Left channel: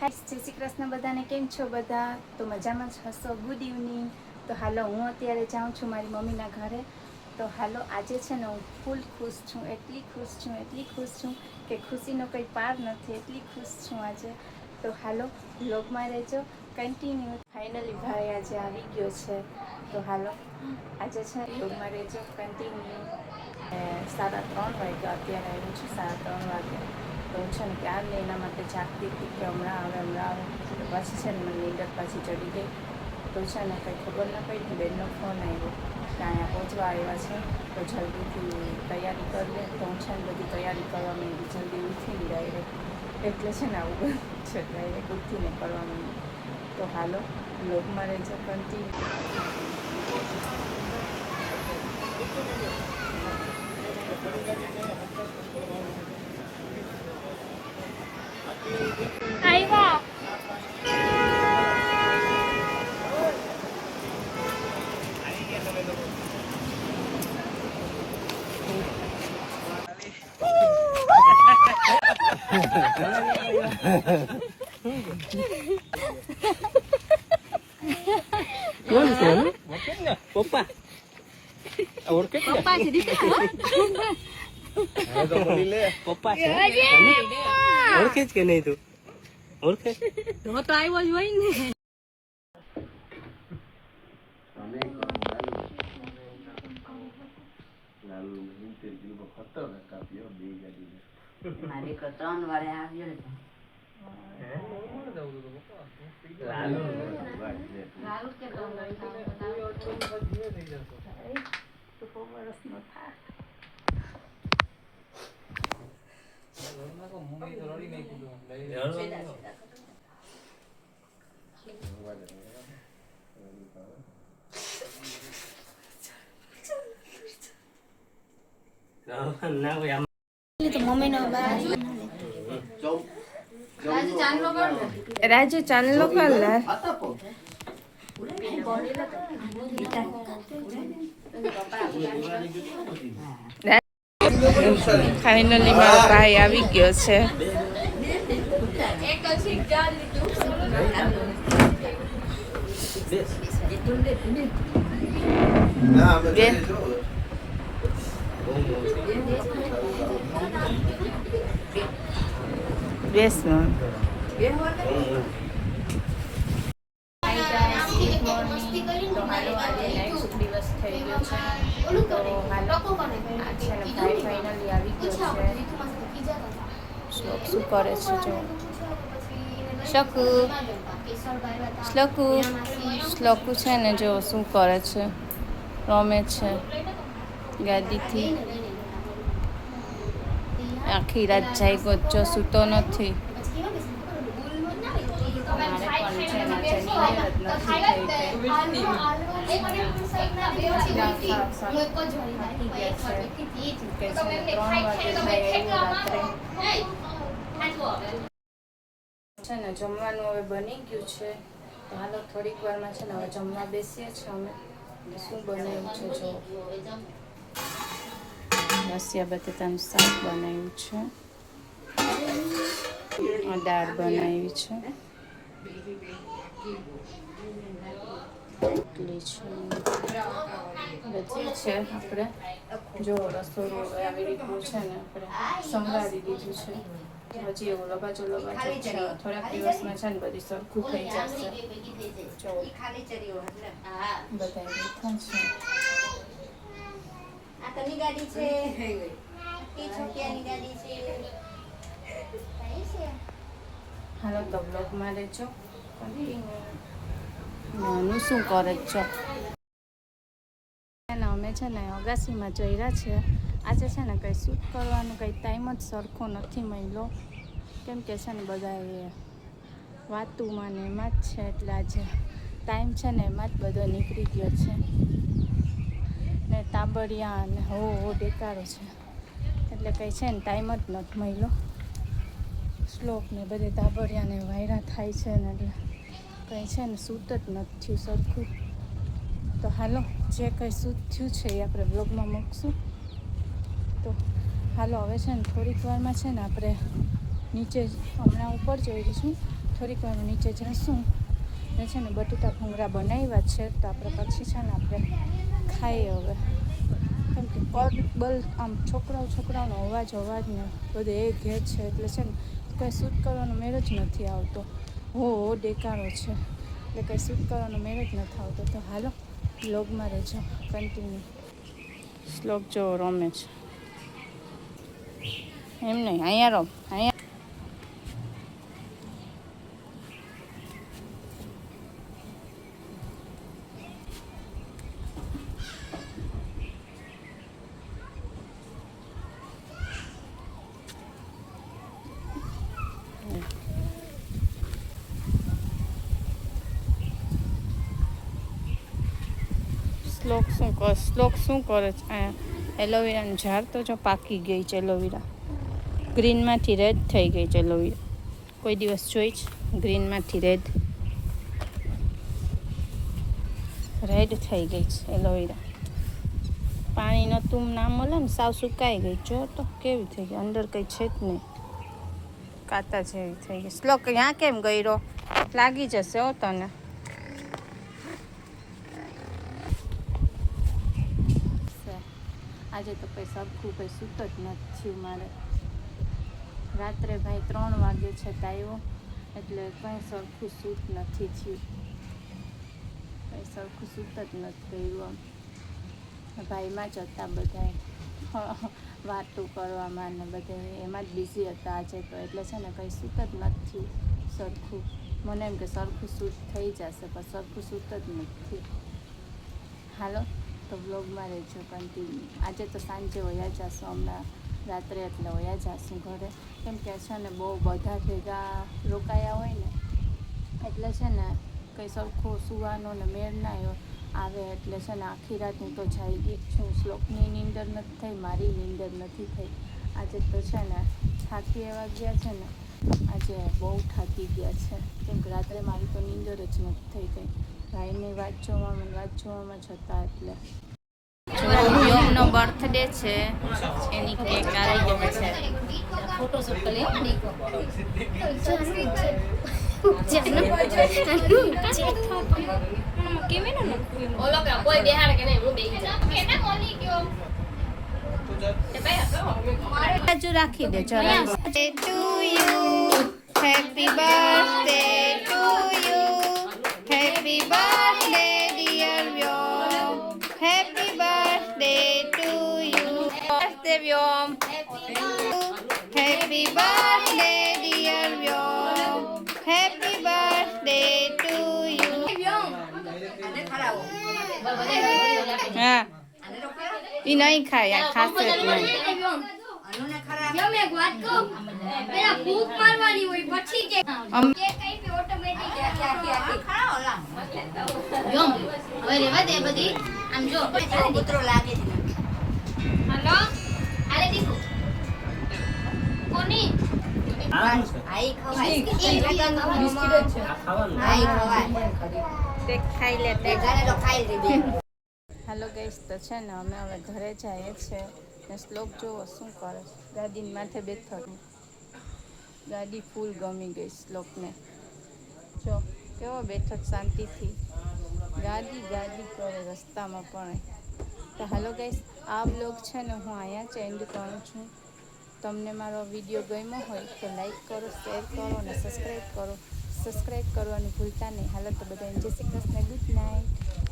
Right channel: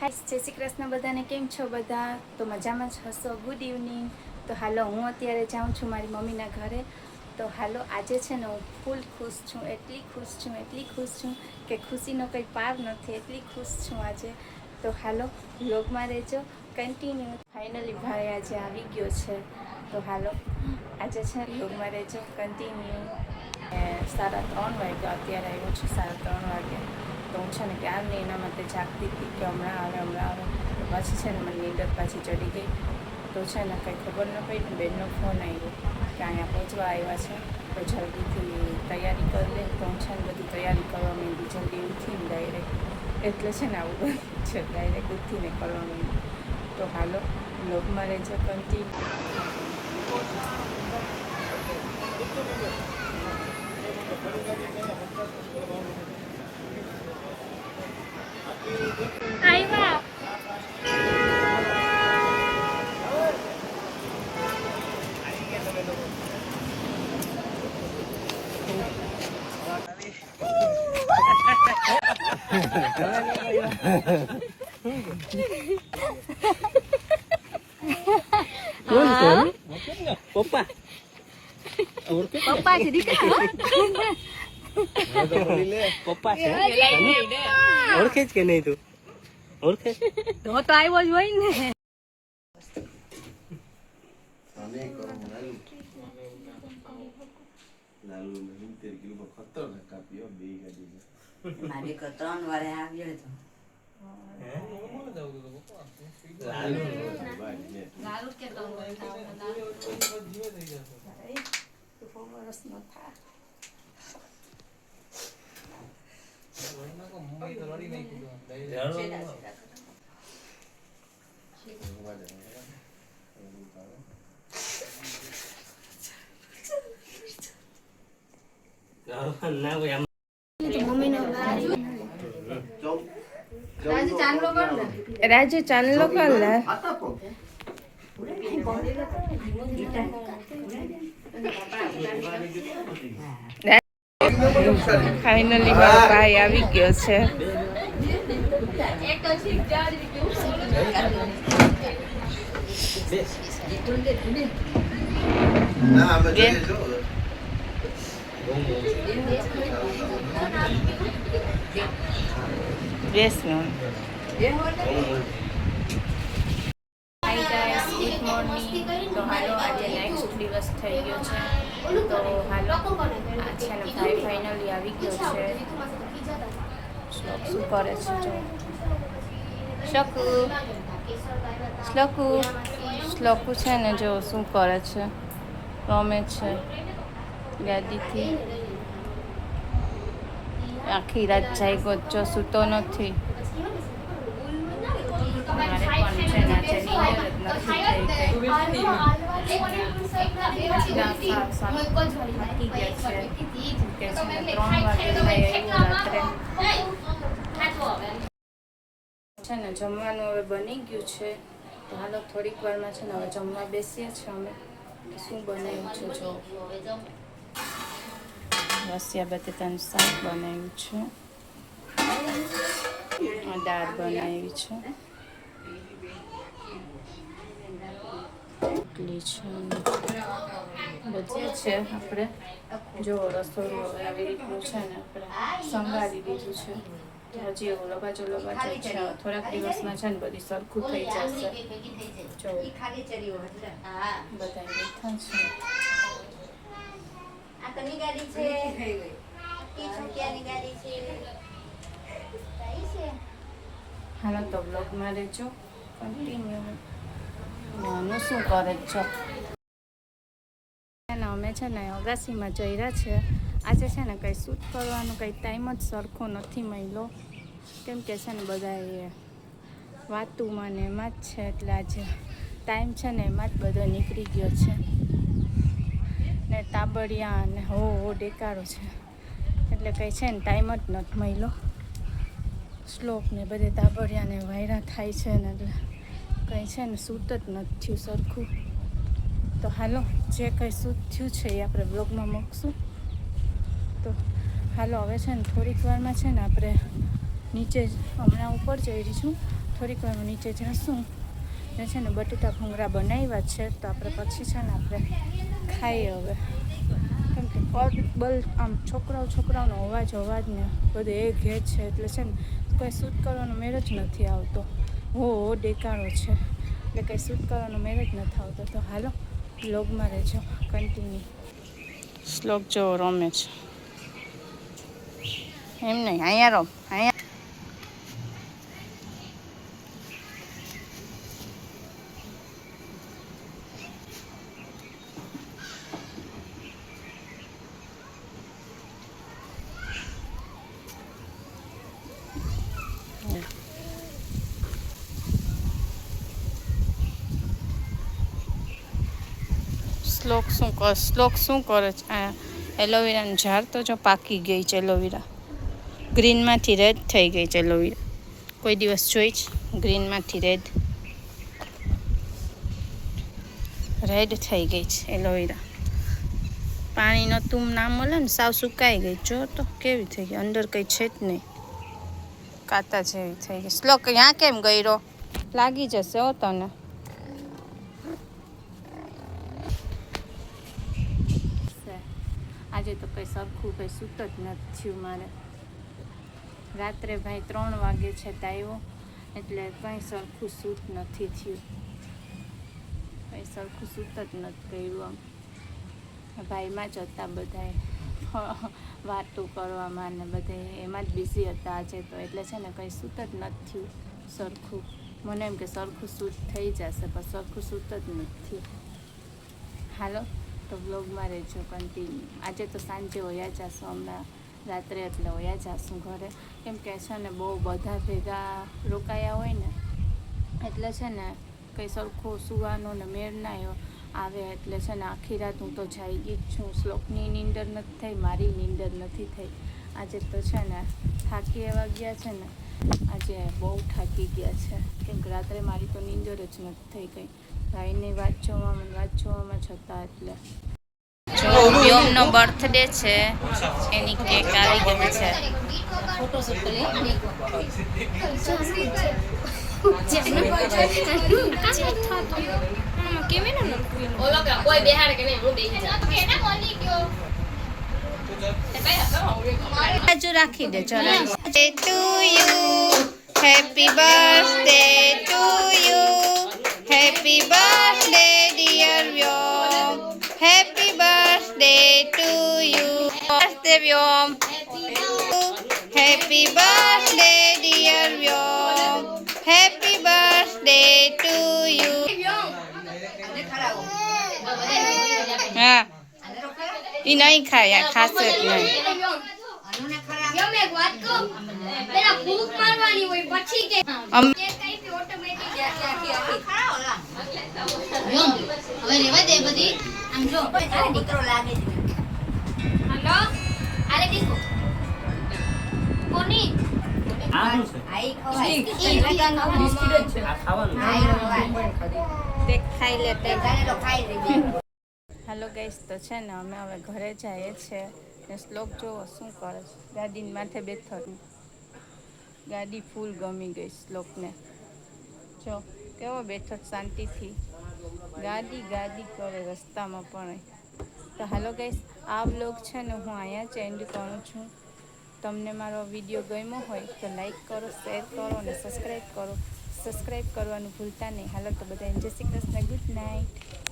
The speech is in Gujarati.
હાય, જય શ્રી કૃષ્ણ બધાને. કેમ છો બધા? તો મજામાં જ હશો. Good evening. તો હાલો, હું અત્યારે જાઉં છું મારી મમ્મીના ઘરે. તો હાલો, આજે છે ને હું ફૂલ ખુશ છું, એટલી ખુશ છું કે ખુશીનો કંઈ પાર નથી, એટલી ખુશ છું આજે. તો હાલો, વ્લોગમાં રહેજો કન્ટિન્યુ. ફાઇનલી ભાઈ આજે આવી ગયો છે. તો હાલો, આજે છે વ્લોગમાં રહેજો કન્ટિન્યુ. 3:30 વાગ્યા, અત્યારે આવ્યો છું 3:30 વાગે. તો હું છે ને ક્યારની એના માટે જાગતી હતી કે હમણાં આવે. તો પછી છે ને મને નીંદર પાછી ચડી ગઈ. તો છે ને કંઈ ખબર ન પડી, બેનનો ફોન આવ્યો કે અહીંયા પહોંચવા આવ્યા છે, તો જલ્દીથી તૈયારી કરી લે. તો હું છે ને બધી તૈયારી કરવા માંડી, જલ્દી ઉઠીને ડાયરેક્ટ. એટલે છે ને આવું બધું છે, ડાયરેક્ટ ઉઠીને કરવા માંડી. તો હાલો, વ્લોગમાં રહેજો કન્ટિન્યુ. આવ્યા કોણ છે? પપ્પા પપ્પા છે દીકરા. પપ્પા છે. ઓળખે જ કે નહીં? તું ઓળખે તો આવ્યો જ હોય ને. મારી 3 વારે આવ્યો હતો. રાજુ ચાંદલો કર લે. ફાઇનલી મારો ભાઈ આવી ગયો છે. Yes, ma'am. Hi guys, good morning. તો હાલો, આજે નેક્સ્ટ દિવસ થઈ ગયો છે. તો હાલો, આ છે ને ભાઈ ફાઇનલી આવી ગયો છે. શ્લોક શું કરે છે જો. શ્લોકુ છે ને જો શું કરે છે, રમે છે ગાદીથી. આખી રાત જાગ્યો જો, સૂતો નથી. મારે પણ છે ને આજે નીંદર જ નથી થઈ ગઈ. થાકી ગયા છે કે છે ને 3 વાગે ભાઈ આવ્યો રાત્રે. છે ને જમવાનું હવે બની ગયું છે. તો હાલો, થોડીક વારમાં છે ને હવે જમવા બેસીએ છીએ અમે. શું બનાવ્યું છે જો, રસિયા બટેટાનું શાક બનાવ્યું છે, દાળ બનાવી છે, રોટલી છે, બધી છે. આપણે જો રસોડું હવે આવી રીતનું છે ને આપણે સંભાળી દીધું છે. હજી એવું લગાજો છે. થોડાક દિવસમાં છે ને બધી સરખું થઈ જશે. જો બધા બેઠા છે. આ કની ગાડી છે? એ છોકિયાની ગાડી છે. હાલો, તો બ્લોગમાં રહેજો કન્ટિન્યુ. નાનું શું કરે છે? અમે છે ને અગાસીમાં જઈ રહ્યા છે. આજે છે ને કંઈ શૂટ કરવાનું કંઈ ટાઈમ જ સરખો નથી મળ્યો, કેમ કે છે ને બધા એ વાતુમાં ને એમાં જ છે. એટલે આજે ટાઈમ છે ને એમાં જ બધો નીકળી ગયો છે. ને તાબડિયા ને હો ડેકારો છે, એટલે કંઈ છે ને ટાઈમ જ નથી મળ્યો. શ્લોક ને બધે તાબડિયા ને વાયરા થાય છે ને, એટલે કંઈ છે ને સૂત જ નથી થયું સરખું. તો હાલો, જે કંઈ સૂત થયું છે એ આપણે બ્લોગમાં મૂકશું. તો હાલો, હવે છે ને થોડીક વારમાં છે ને આપણે નીચે હમણાં ઉપર જઈ રહી છું, થોડીક વારમાં નીચે જઈશું ને છે ને બટેટા ભૂંગળા બનાવ્યા છે તો આપણે પછી છે ને આપણે ખાઈએ હવે. કેમ કે બલ આમ છોકરાઓનો અવાજ ને બધું એ ઘેર છે એટલે છે ને કોઈ શૂટ કરવાનો મેળ જ નથી આવતો. હો ડેકારો છે એટલે કંઈ શૂટ કરવાનો મેળ જ નથી આવતો. તો હાલો વ્લોગમાં રહેજો કન્ટિન્યુ. શ્લોક જો રમે છે એમ નહીં, અહીંયા રમ, અહીંયા. શ્લોક શું કરે છે? આ એલોવેરાનું ઝાડ તો જો પાકી ગઈ છે. એલોવેરા ગ્રીનમાંથી રેડ થઈ ગઈ છે. એલોવેરા કોઈ દિવસ જોઈ જ ગ્રીનમાંથી રેડ થઈ ગઈ છે એલોવેરા. પાણી નહોતું ના મળે ને, સાવ સુકાઈ ગઈ. જો તો કેવી થઈ ગઈ, અંદર કંઈ છે જ નહીં, કાતા જેવી થઈ ગઈ. શ્લોક ત્યાં કેમ ગયો? લાગી જશે હો તને. આજે તો કંઈ સરખું કંઈ સૂત જ નથી થયું મારે. રાત્રે ભાઈ 3 વાગે છે તાવ્યો એટલે કંઈ સરખું સૂત નથી થયું. કંઈ સરખું સૂત જ નથી કર્યું. આમ ભાઈમાં જ હતા બધાએ વાતું કરવામાં ને બધે એમાં જ બિઝી હતા આજે તો. એટલે છે ને કંઈ સૂત જ નથી થયું સરખું. મને એમ કે સરખું સૂત થઈ જશે પણ સરખું સૂત જ નથી. હાલો તો વ્લોગમાં રહેજો કન્ટિન્યુ. આજે તો સાંજે વયા જશું, હમણાં રાત્રે એટલે વયા જશું ઘરે. કેમ કે છે ને બહુ બધા ભેગા રોકાયા હોય ને એટલે છે ને કંઈ સરખો સુવાનો ને મેળ ના આવે. એટલે છે ને આખી રાત હું તો જાગી જ છું. શ્લોકની નીંદર નથી થઈ, મારી નીંદર નથી થઈ. આજે તો છે ને થાકી એવા ગયા છે ને, આજે બહુ થાકી ગયા છે. કેમ કે રાત્રે મારી તો નીંદર જ નથી થઈ ગઈ. ભાઈને વાત જોવામાં જ હતા. એટલે જો વ્યોમનો બર્થડે છે, એની કેક આવી ગઈ છે. ફોટોશૂટ કરી કોઈ બેહાડે કે નહીં, હું બેહી જાઉં. બાજુ રાખી દે જરા. To you happy birthday to you, happy birthday dear Vyom, happy birthday to you. Birthday Vyom, happy birthday dear Vyom, happy birthday to you. હા એ નહીં ખાય, ખાશે જ નહીં. હાલો ગાઈસ, તો છે ને અમે હવે ઘરે જઈએ છીએ ને શ્લોક જોવો શું કરે છે. ગાડીની માથે બેઠો. ગાડી ફૂલ ગમી ગઈ શ્લોકને. જો કેવો બેઠો શાંતિથી ગાડી કરે રસ્તામાં પણ. તો હાલો ગાઈસ, આ વ્લોગ છે ને હું અહીંયા જ એન્ડ કરું છું. તમને મારો વિડીયો ગમ્યો હોય તો લાઈક કરો, શેર કરો અને સબસ્ક્રાઈબ કરો. સબસ્ક્રાઈબ કરવાનું ભૂલતા નહીં. હાલો તો બધા જય શ્રી કૃષ્ણ, ગુડ નાઇટ.